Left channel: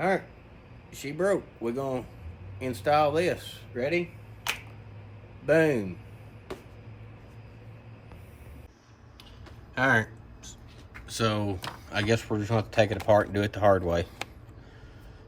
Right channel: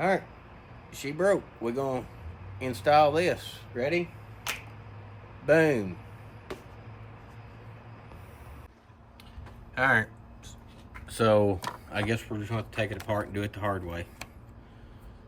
All right, she broke. We're gonna install this. Ready? Boom. All right. So I guess we're just gonna have to take it apart and do it the hard way.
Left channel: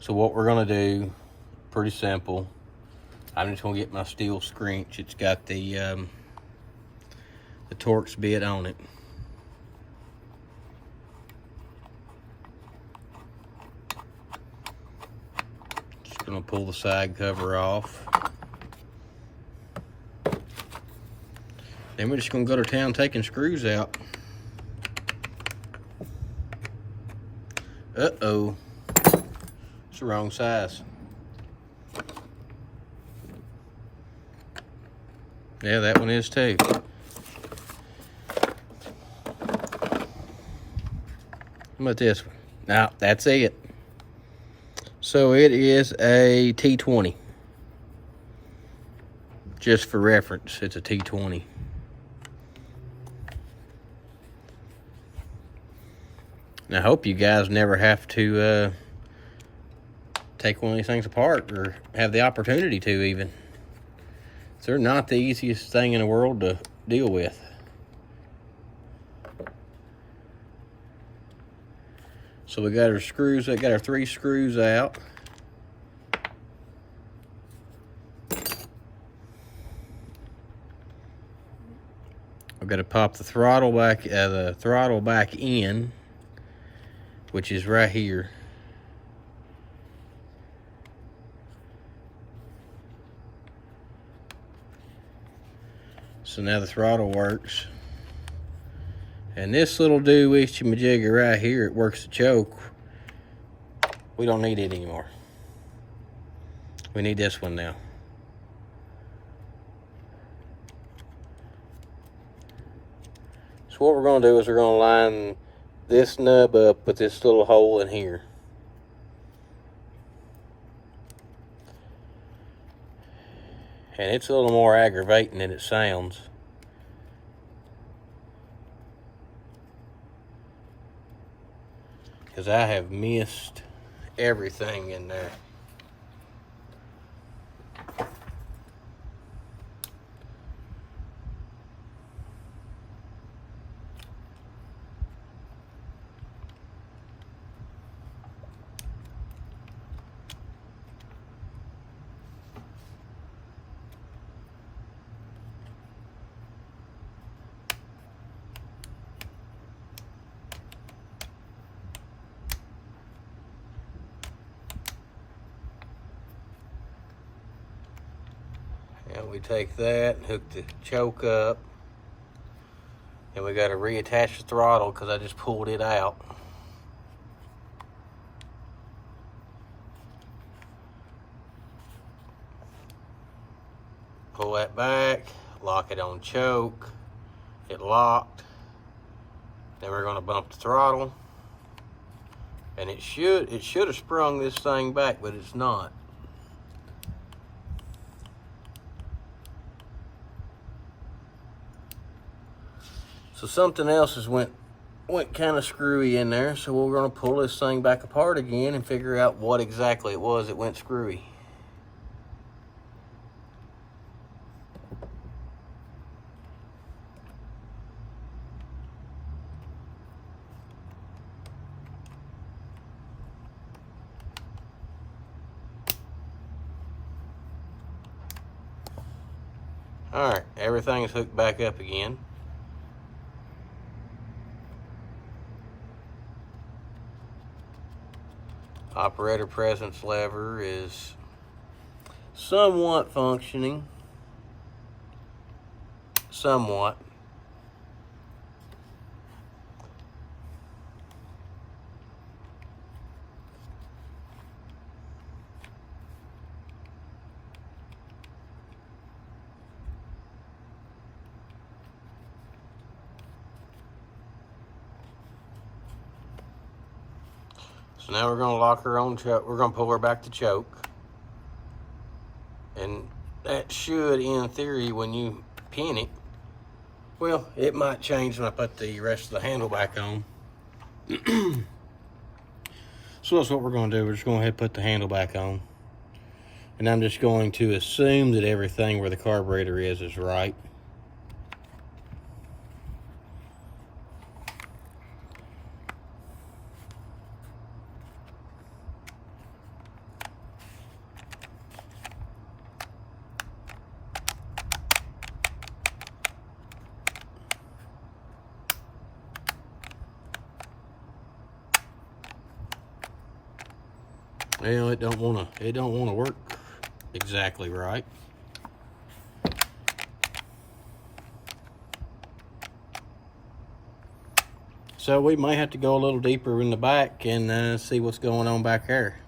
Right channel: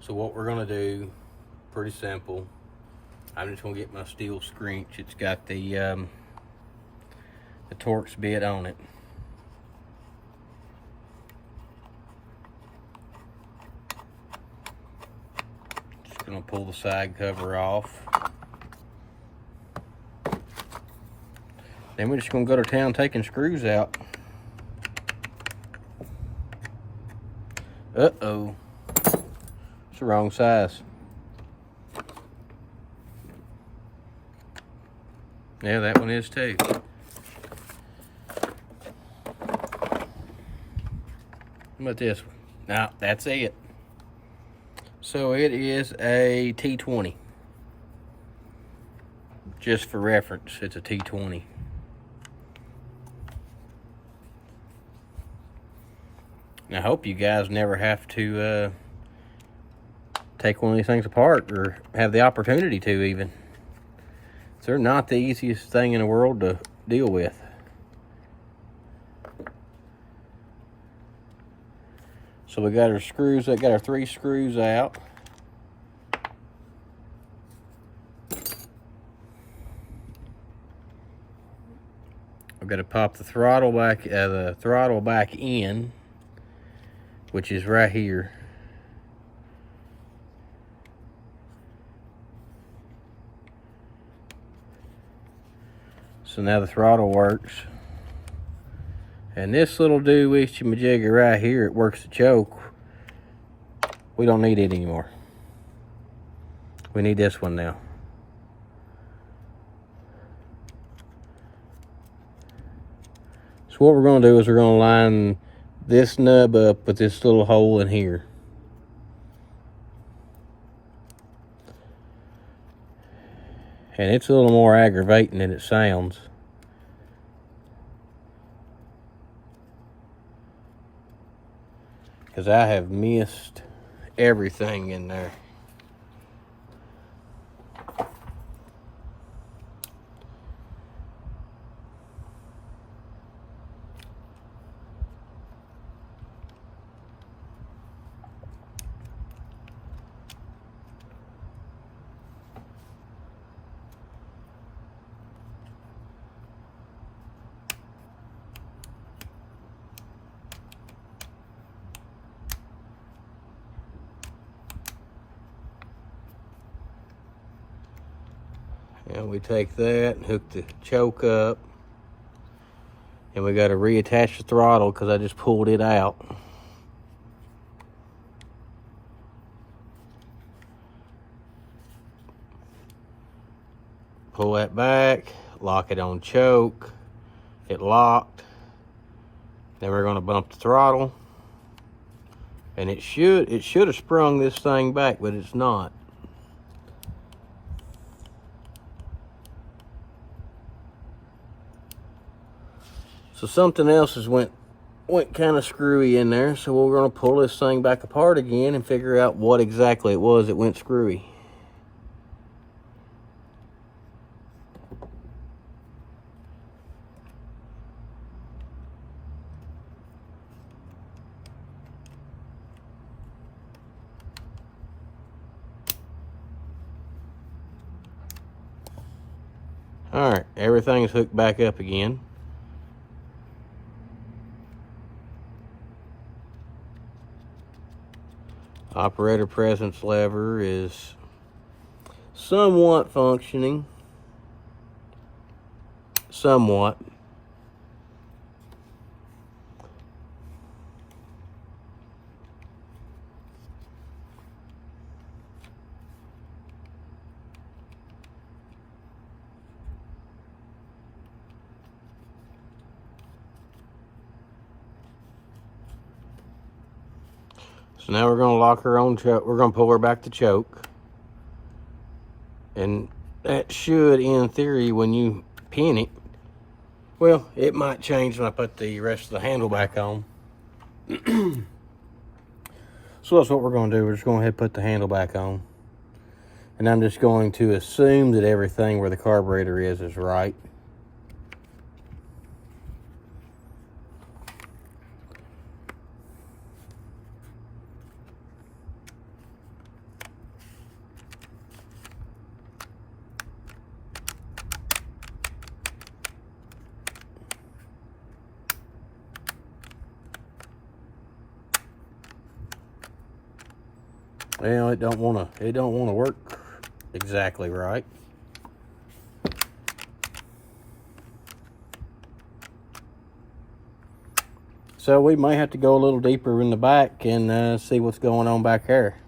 So what we're gonna do, pretty simple. I'm just gonna get my Stihl screech. It's got the Torx bit on it. Just gonna pull the side cover off. Then we're just gonna go to town taking screws out. Uh-oh. It's the wrong size. Yeah, that one is too. How about this one? Now, that's it. So it is a T20. Just for reference, it's a T20. And I hope you guys never have to take one of these things apart, or have the opportunity to even. They're not the easiest thing in the world to deal with. So we got our screws, we got our 3 screws out. I've got to pop the throttle back in, which is right here. So now the throttle works. And this little doo-wishy-majigger right here, it works the choke. We don't need it anymore. We need this one now. So what we're gonna do is we're gonna line this nub up with this little hole in here. And it's a little more aggravating than it sounds. Because I have missed everything in there. And we take that, hook the choke up, and we got to reattach the throttle because I just pulled it out. Pull that back, lock it on choke, it locked. Then we're going to bump the throttle, and it should have sprung this thing back, but it's not. So something else went kind of screwy in there, so we're going to pull this thing back apart again and figure out what exactly it was that went screwy. All right, everything is hooked back up again. Operator presence lever is somewhat functioning. Somewhat. So now we're going to lock her on choke. We're going to pull her back to choke. And that should, in theory, when you pin it, well, it might change when I put the rest of the handle back on. So So that's what we're going to do. We're just going to go ahead and put the handle back on. And I'm just going to assume that everything where the carburetor is right. Well, it don't want to work exactly right. So we may have to go a little deeper in the back and see what's going on back there.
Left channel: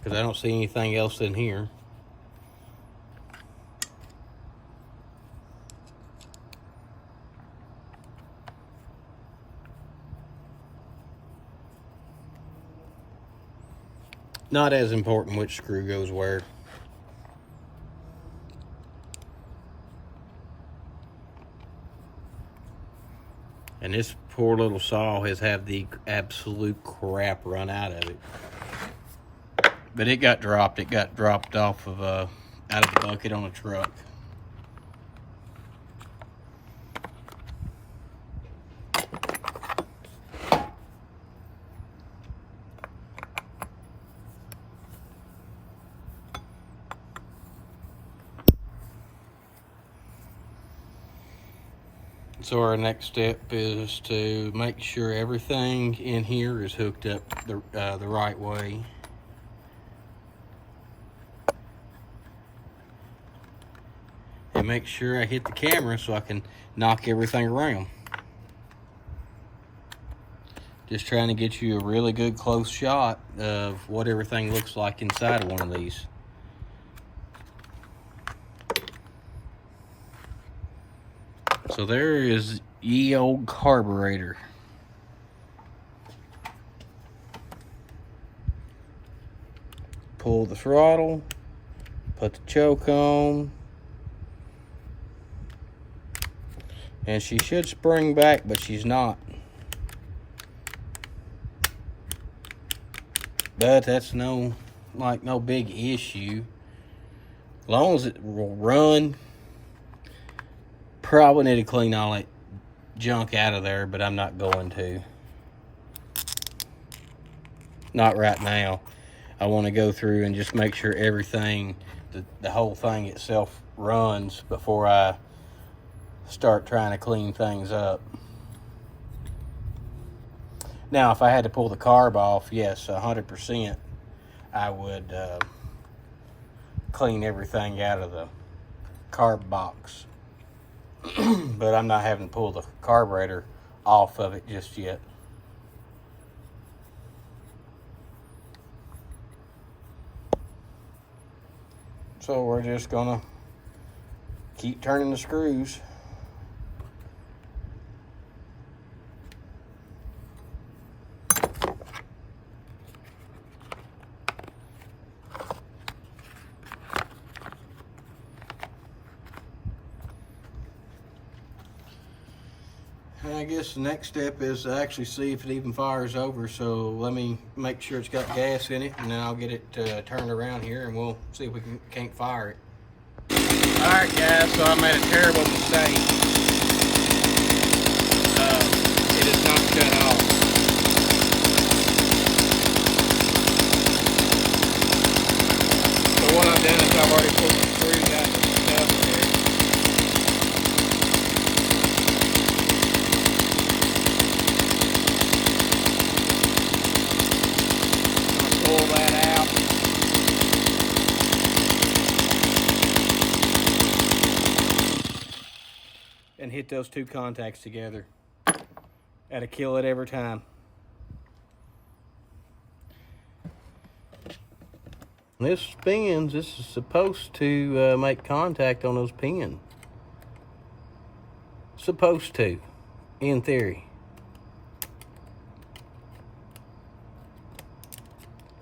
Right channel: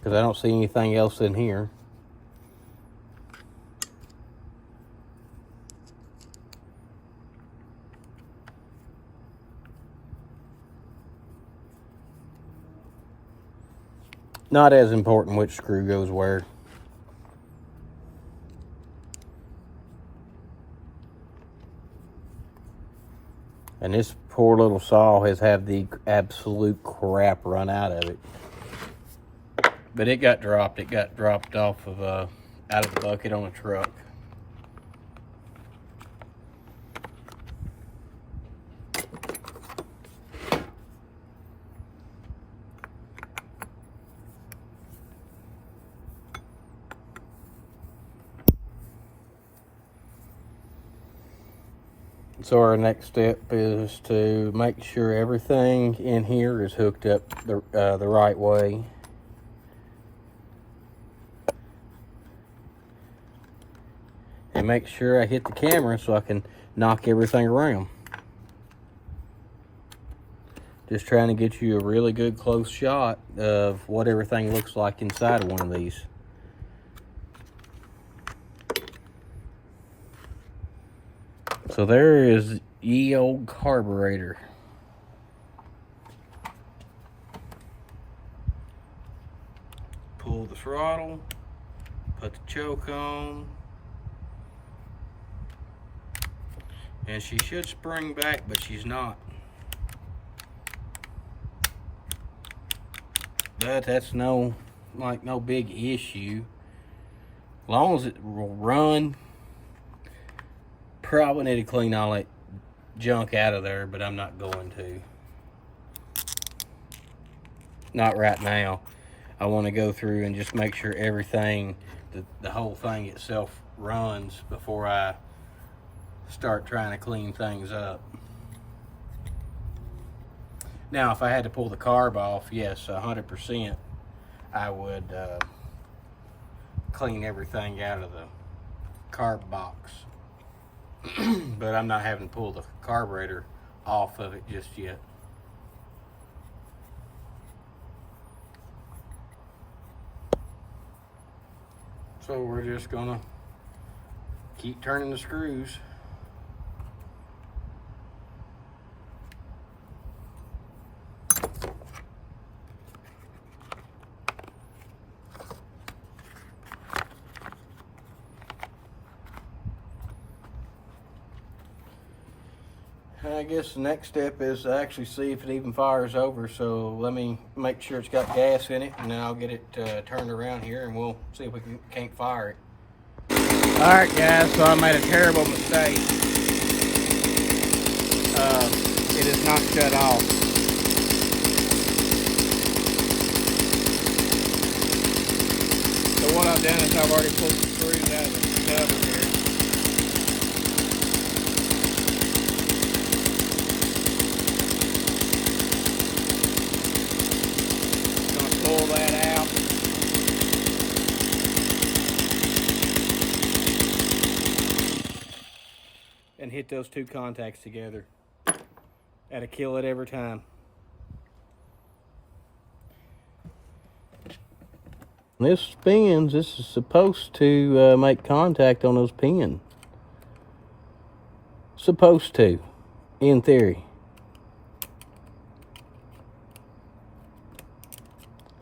Because I don't see anything else in here. Not as important which screw goes where. And this poor little saw has had the absolute crap run out of it. But it got dropped. It got dropped off of out of the bucket on a truck. So our next step is to make sure everything in here is hooked up the right way. And make sure I hit the camera so I can knock everything around. Just trying to get you a really good close shot of what everything looks like inside of one of these. So there is ye old carburetor. Pull the throttle, put the choke on, and she should spring back, but she's not. But that's no big issue. As long as it will run. Probably need to clean all that junk out of there, but I'm not going to. Not right now. I want to go through and just make sure everything, the whole thing itself runs before I start trying to clean things up. Now, if I had to pull the carb off, yes, 100%, I would clean everything out of the carb box. But I'm not having to pull the carburetor off of it just yet. So we're just gonna keep turning the screws. I guess the next step is to actually see if it even fires over. So let me make sure it's got gas in it, and then I'll get it turned around here, and we'll see if we can't fire it. All right, guys. So I made a terrible mistake. It is not shut off. So what I've done is I've already pulled the screws out of the cover here. Pull that out. And hit those two contacts together at a kill it every time. This spins. This is supposed to make contact on those pins. Supposed to, in theory.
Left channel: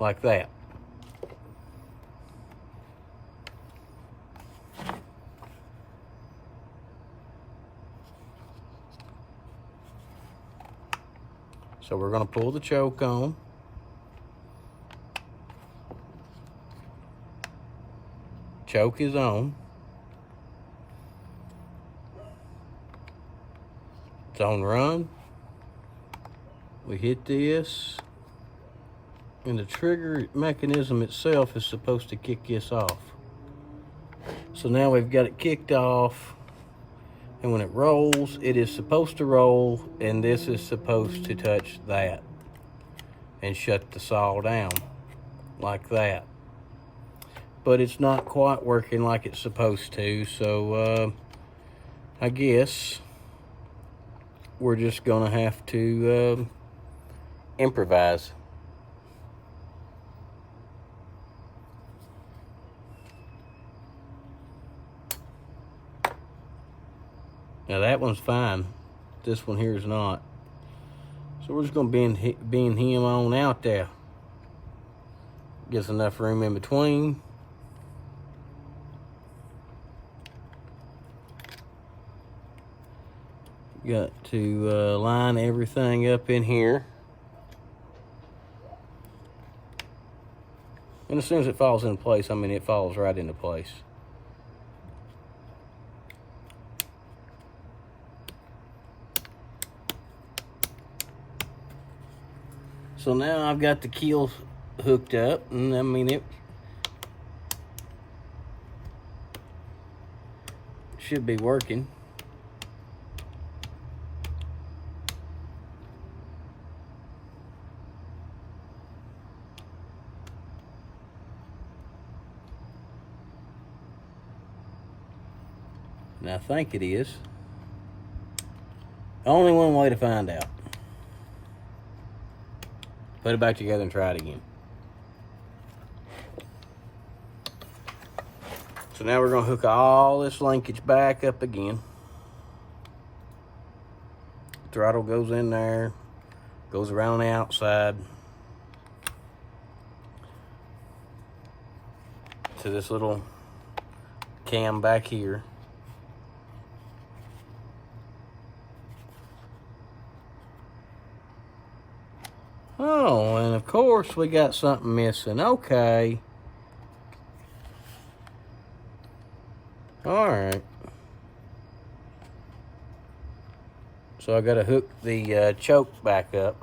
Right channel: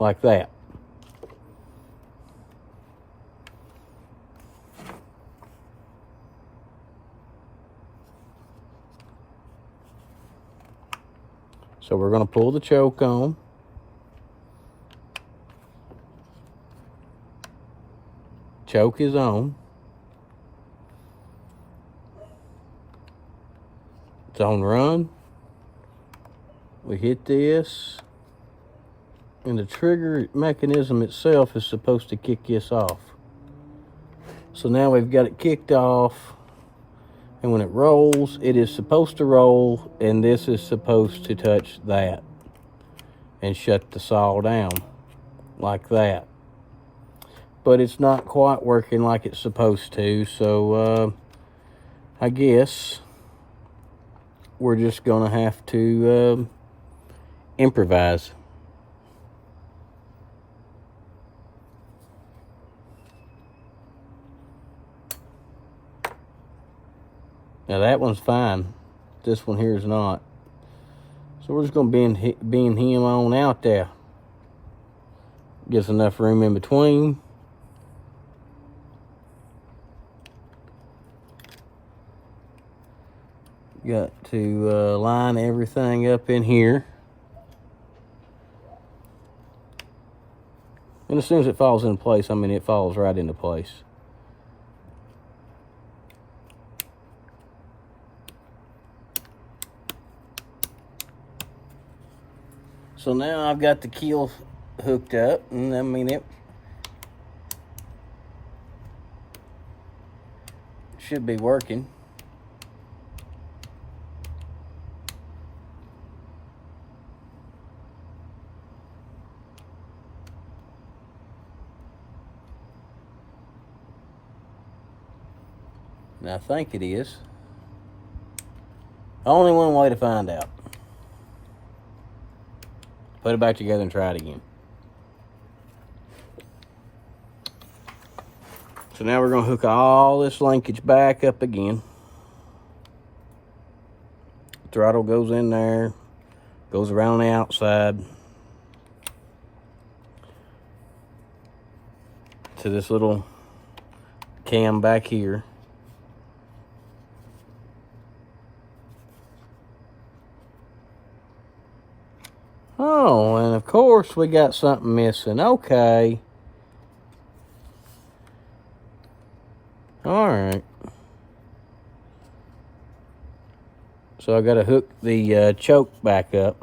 Like that. So we're going to pull the choke on. Choke is on. It's on run. We hit this, and the trigger mechanism itself is supposed to kick this off. So now we've got it kicked off, and when it rolls, it is supposed to roll, and this is supposed to touch that and shut the saw down like that. But it's not quite working like it's supposed to, so I guess we're just gonna have to improvise. Now that one's fine. This one here is not. So we're just gonna bend him on out there. Just enough room in between. Got to line everything up in here. And as soon as it falls into place, I mean, it falls right into place. So now I've got the keel hooked up, and I mean, it should be working. And I think it is. Only one way to find out. Put it back together and try it again. So now we're going to hook all this linkage back up again. Throttle goes in there, goes around the outside to this little cam back here. Oh, and of course we got something missing. Okay. All right. So I got to hook the choke back up,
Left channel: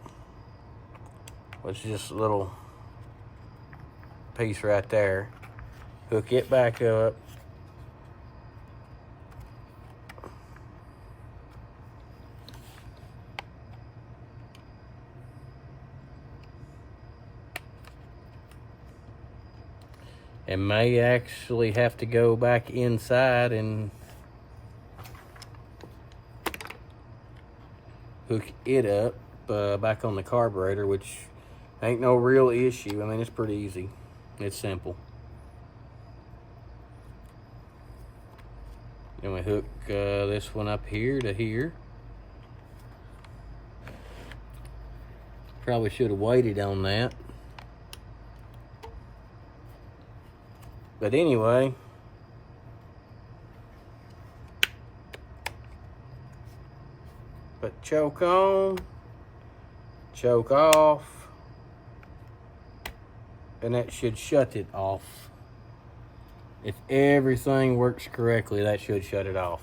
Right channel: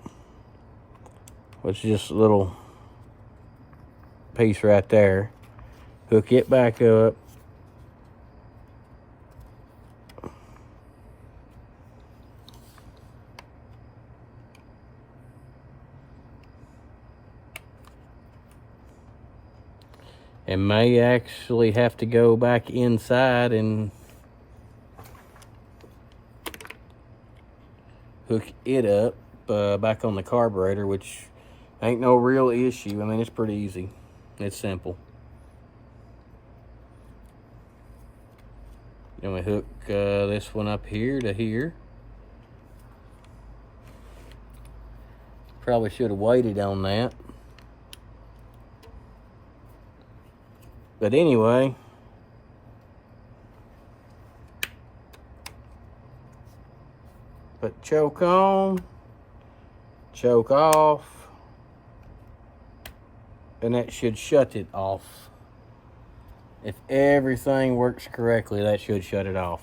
which is just a little piece right there. Hook it back up. And may actually have to go back inside and hook it up back on the carburetor, which ain't no real issue. I mean, it's pretty easy. It's simple. Then we hook this one up here to here. Probably should have waited on that. But anyway, put choke on, choke off, and that should shut it off. If everything works correctly, that should shut it off.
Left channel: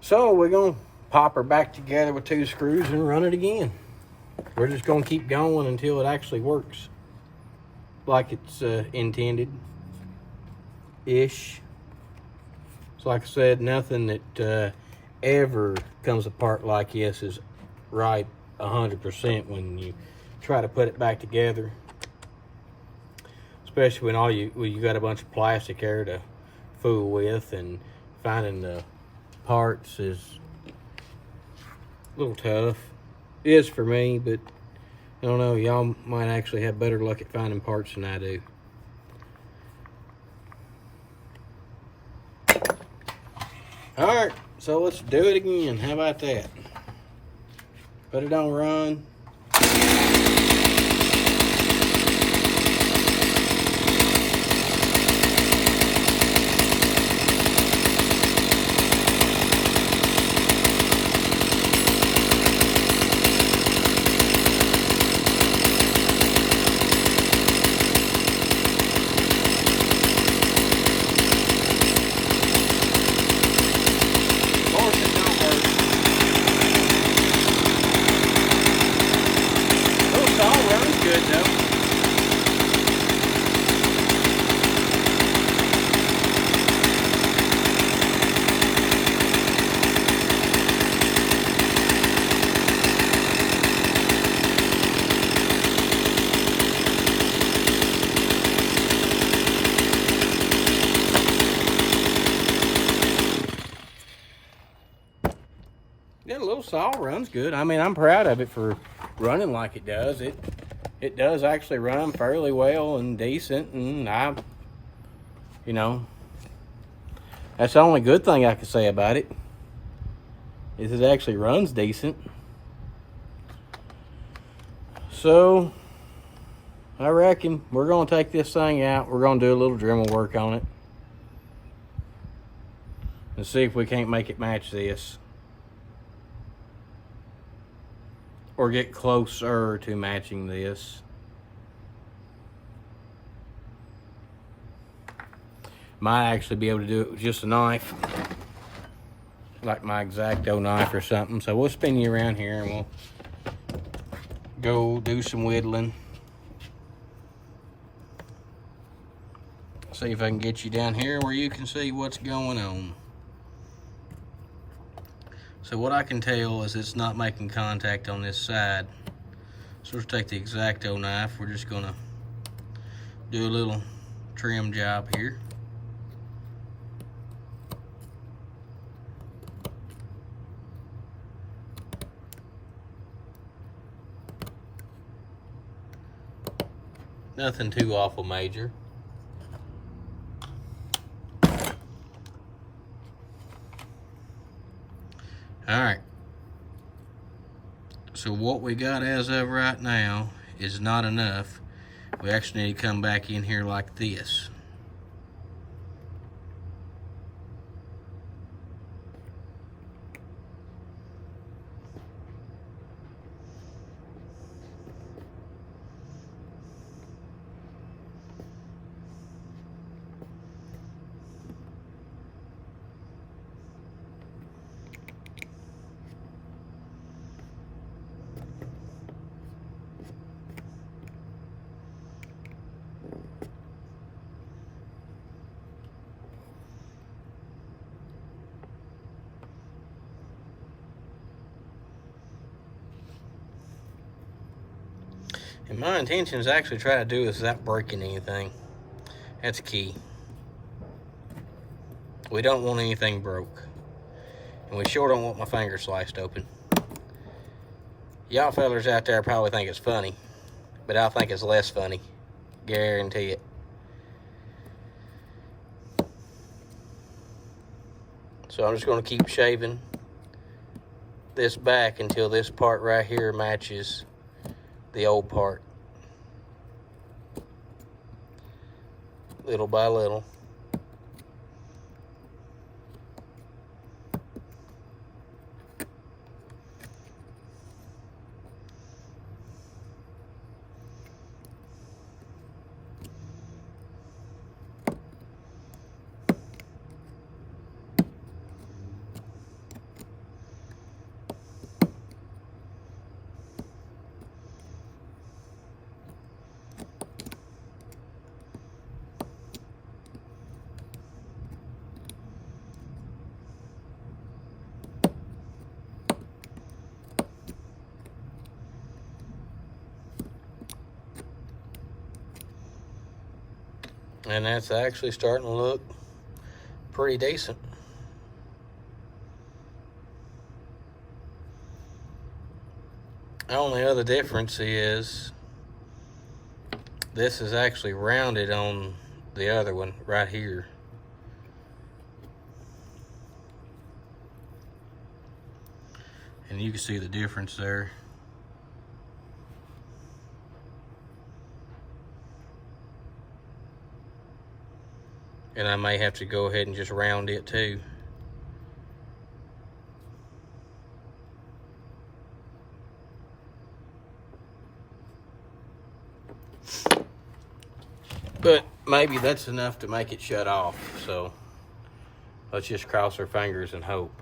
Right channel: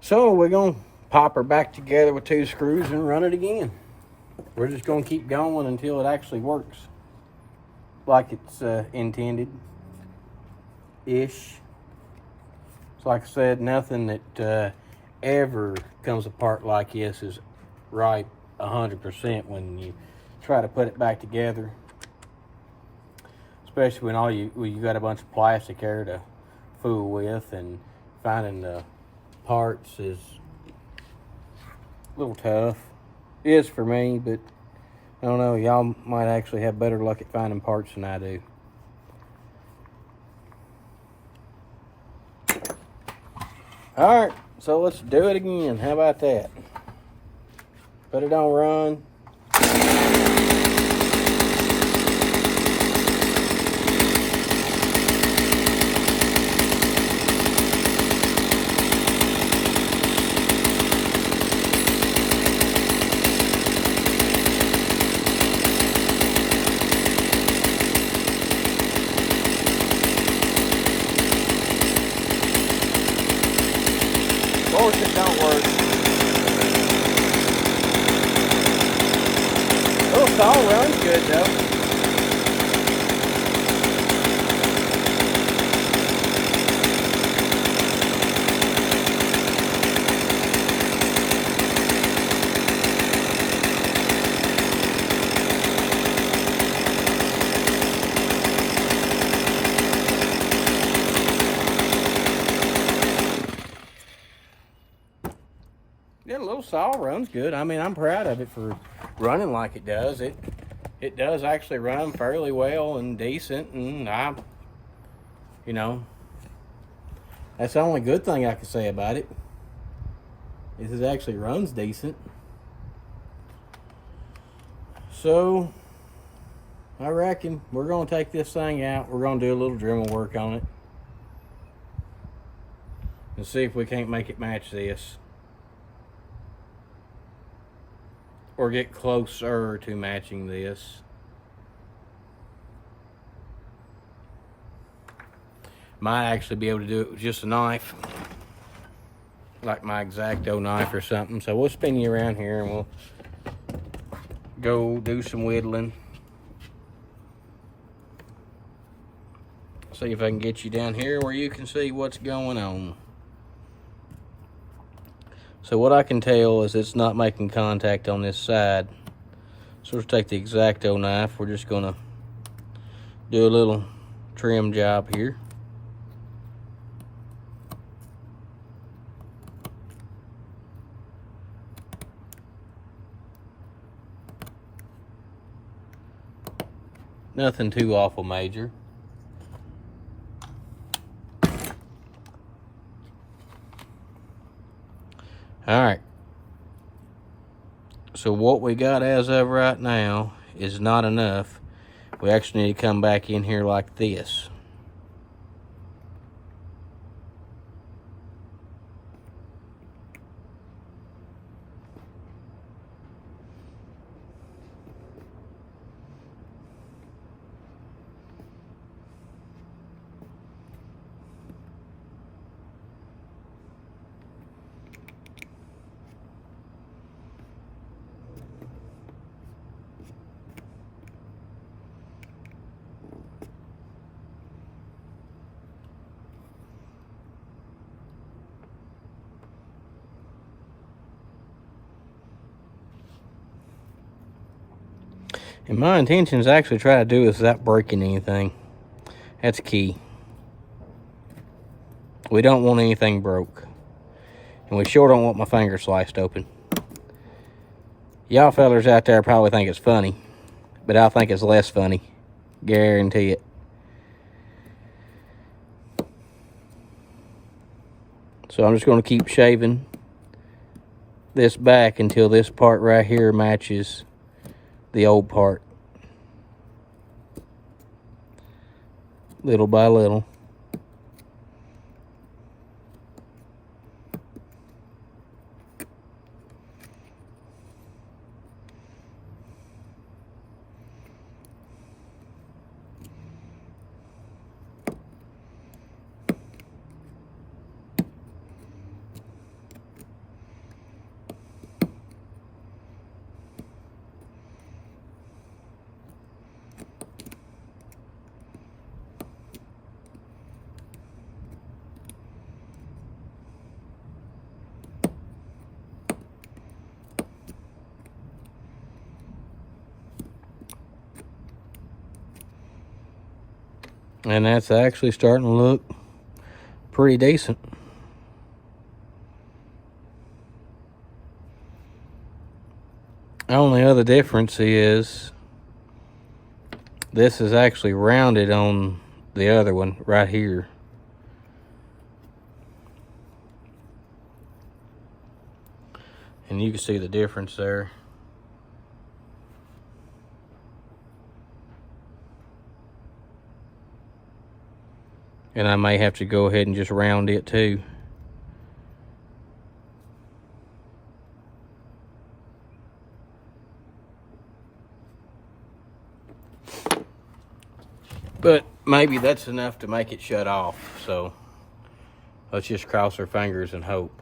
So we're gonna pop her back together with 2 screws and run it again. We're just gonna keep going until it actually works like it's intended-ish. So like I said, nothing that ever comes apart like this is right 100% when you try to put it back together. Especially when you got a bunch of plastic there to fool with, and finding the parts is a little tough. It is for me, but I don't know, y'all might actually have better luck at finding parts than I do. Alright, so let's do it again. How about that? Put it on run. Yeah, a little saw runs good. I mean, I'm proud of it for running like it does. It does actually run fairly well and decent, and you know, that's the only good thing I can say about it, is it actually runs decent. So, I reckon we're going to take this thing out. We're going to do a little Dremel work on it and see if we can't make it match this, or get closer to matching this. Might actually be able to do it with just a knife, like my X-Acto knife or something. So we'll spin you around here and we'll go do some whittling. See if I can get you down here where you can see what's going on. So what I can tell is it's not making contact on this side. So let's take the X-Acto knife. We're just gonna do a little trim job here. Nothing too awful major. All right. So what we got as of right now is not enough. We actually need to come back in here like this. And my intention is actually try to do this without breaking anything. That's key. We don't want anything broke. And we sure don't want my finger sliced open. Y'all fellers out there probably think it's funny, but I think it's less funny. Guarantee it. So I'm just going to keep shaving this back until this part right here matches the old part, little by little. And that's actually starting to look pretty decent. The only other difference is this is actually rounded on the other one right here. And you can see the difference there. And I may have to go ahead and just round it too. But maybe that's enough to make it shut off. So let's just cross our fingers and hope.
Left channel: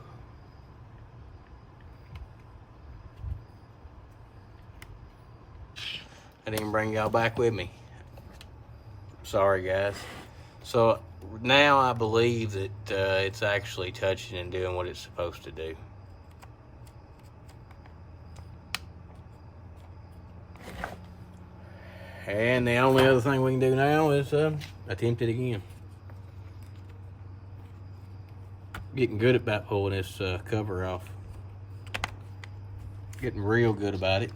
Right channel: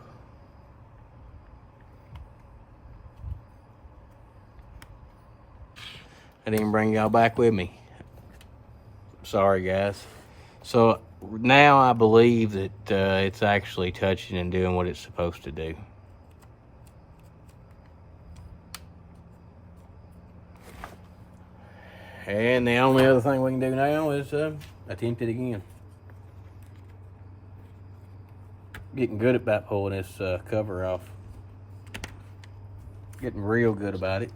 I didn't bring y'all back with me. Sorry, guys. So now I believe that it's actually touching and doing what it's supposed to do. And the only other thing we can do now is attempt it again. Getting good about pulling this cover off. getting real good about it.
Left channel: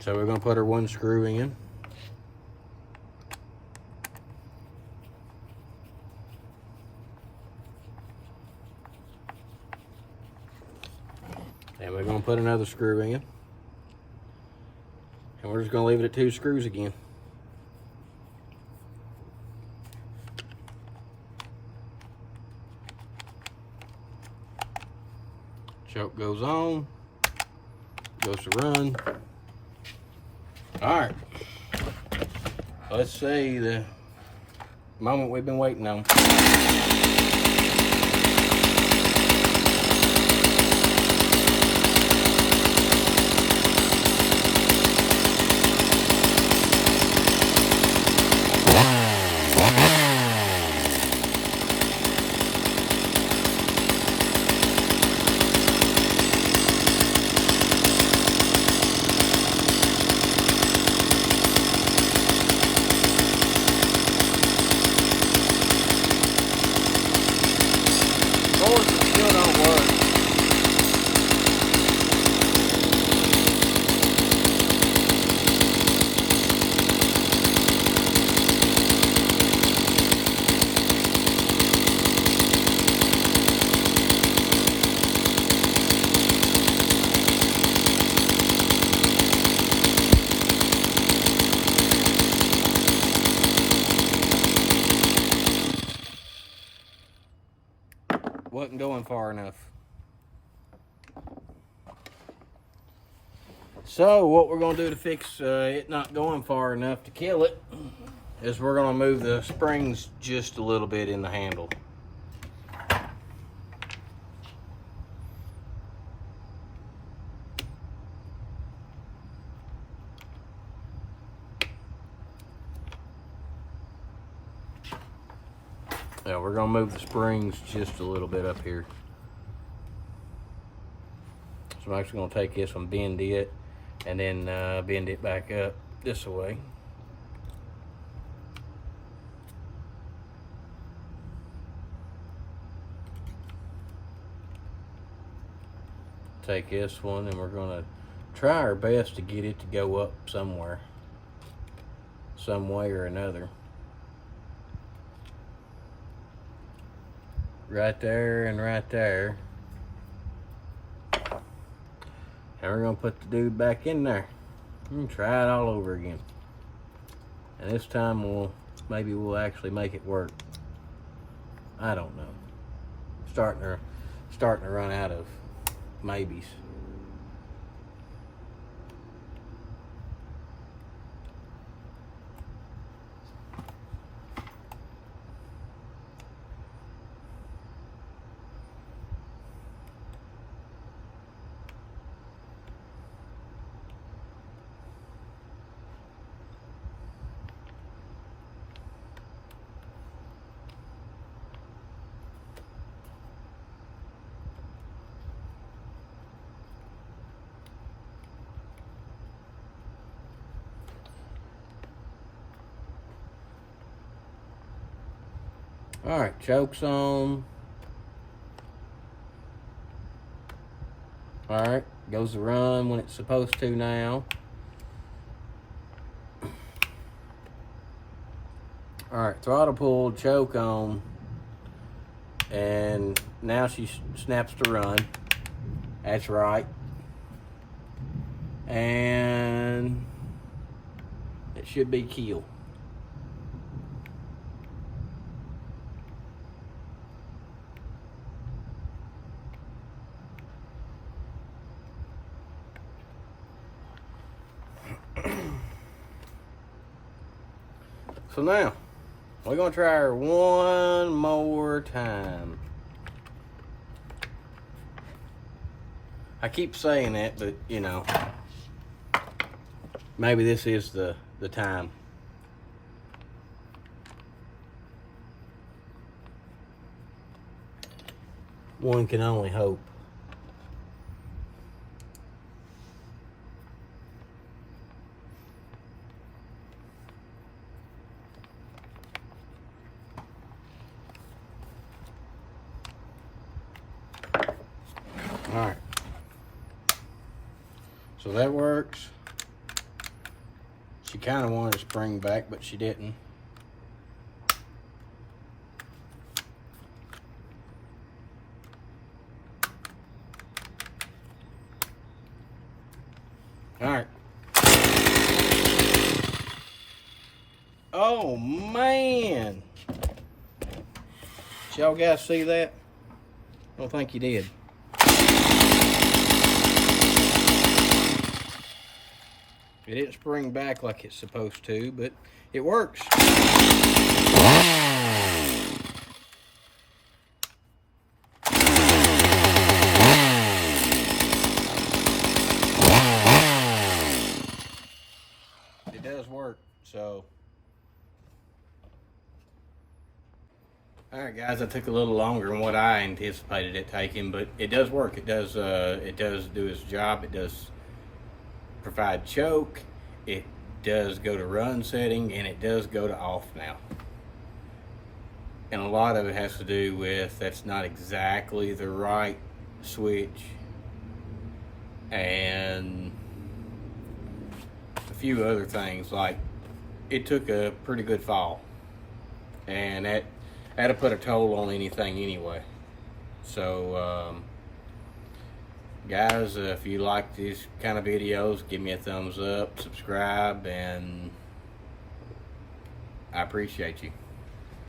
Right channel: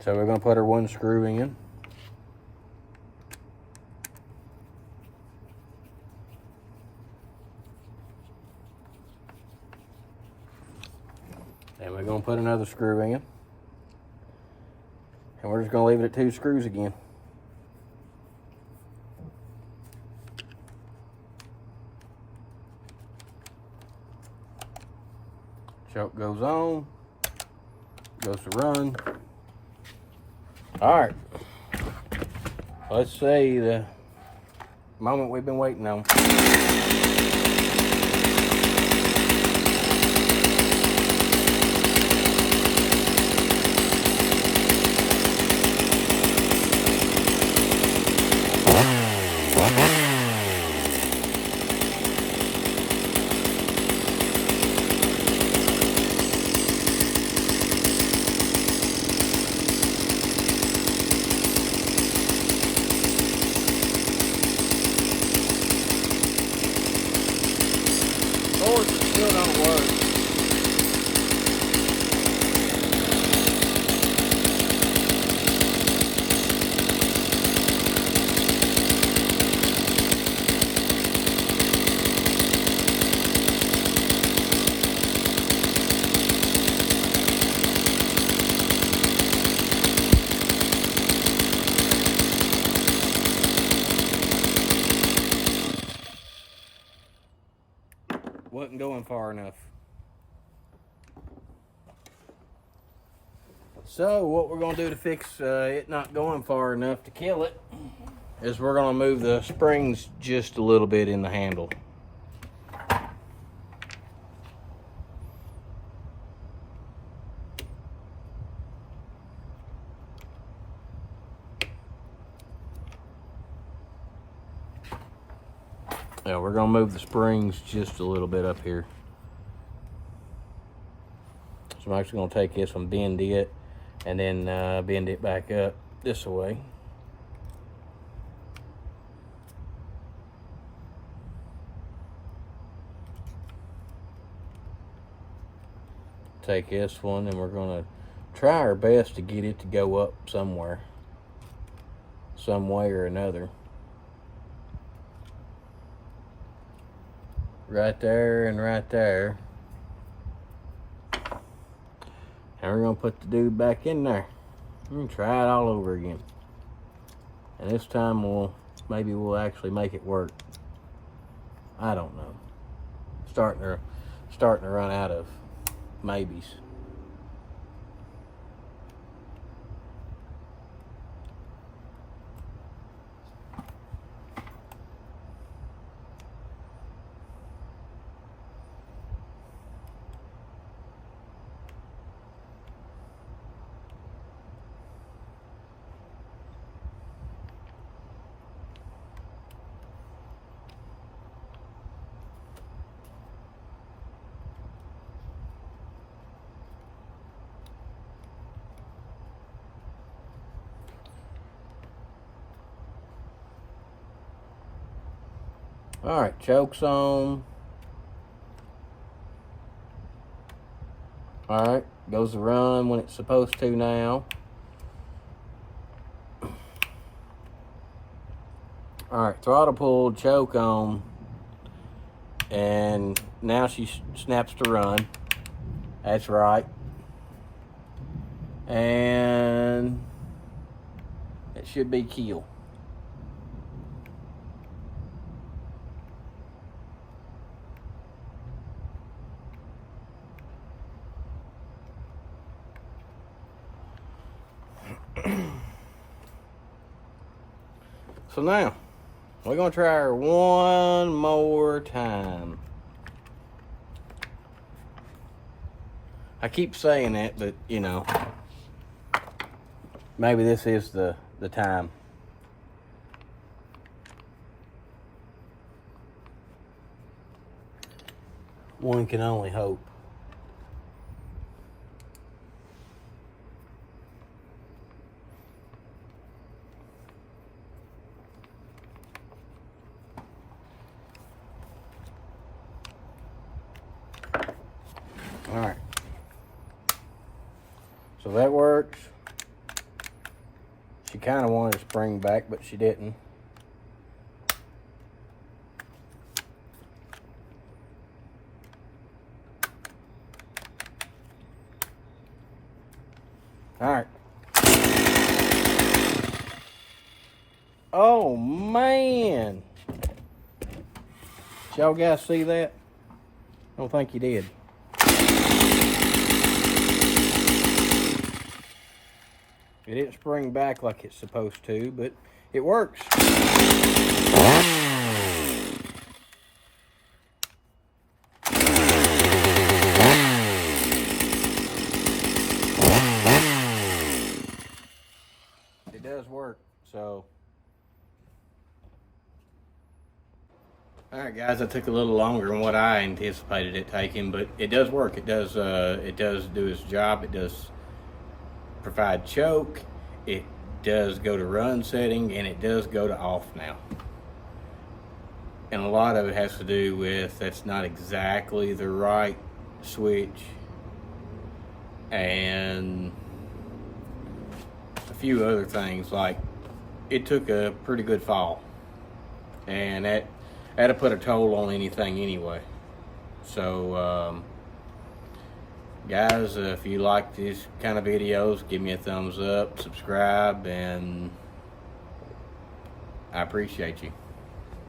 So we're going to put our one screw in. And we're going to put another screw in. And we're just going to leave it at 2 screws again. Choke goes on. Goes to run. All right. Let's see the moment we've been waiting on. Of course, it still don't work. Wasn't going far enough. So what we're going to do to fix it not going far enough to kill it is we're going to move the springs just a little bit in the handle. Yeah, we're going to move the springs just a little bit up here. So I'm actually going to take this and bend it, and then bend it back up this way. Take this one, and we're going to try our best to get it to go up somewhere, some way or another. Right there and right there. And we're gonna put the dude back in there and try it all over again. And this time maybe we'll actually make it work. I don't know. Starting to run out of maybes. All right, choke's on. All right, goes to run when it's supposed to now. All right, throttle pulled, choke on, and now she snaps to run. That's right. And it should be keel. So now, we're gonna try her one more time. I keep saying that, but you know, maybe this is the time. One can only hope. All right. So that works. She kind of wanted to spring back, but she didn't. All right. Oh, man. Did y'all guys see that? I don't think you did. It didn't spring back like it's supposed to, but it works. It does work, so. All right, guys, that took a little longer than what I anticipated it taking, but it does work. It does do its job. It does provide choke. It does go to run setting, and it does go to off now. And a lot of it has to do with that's not exactly the right switch, and a few other things, like it took a pretty good fall, and that'll put a toll on anything anyway. So guys, if you like these kind of videos, give me a thumbs up, subscribe, and I appreciate you.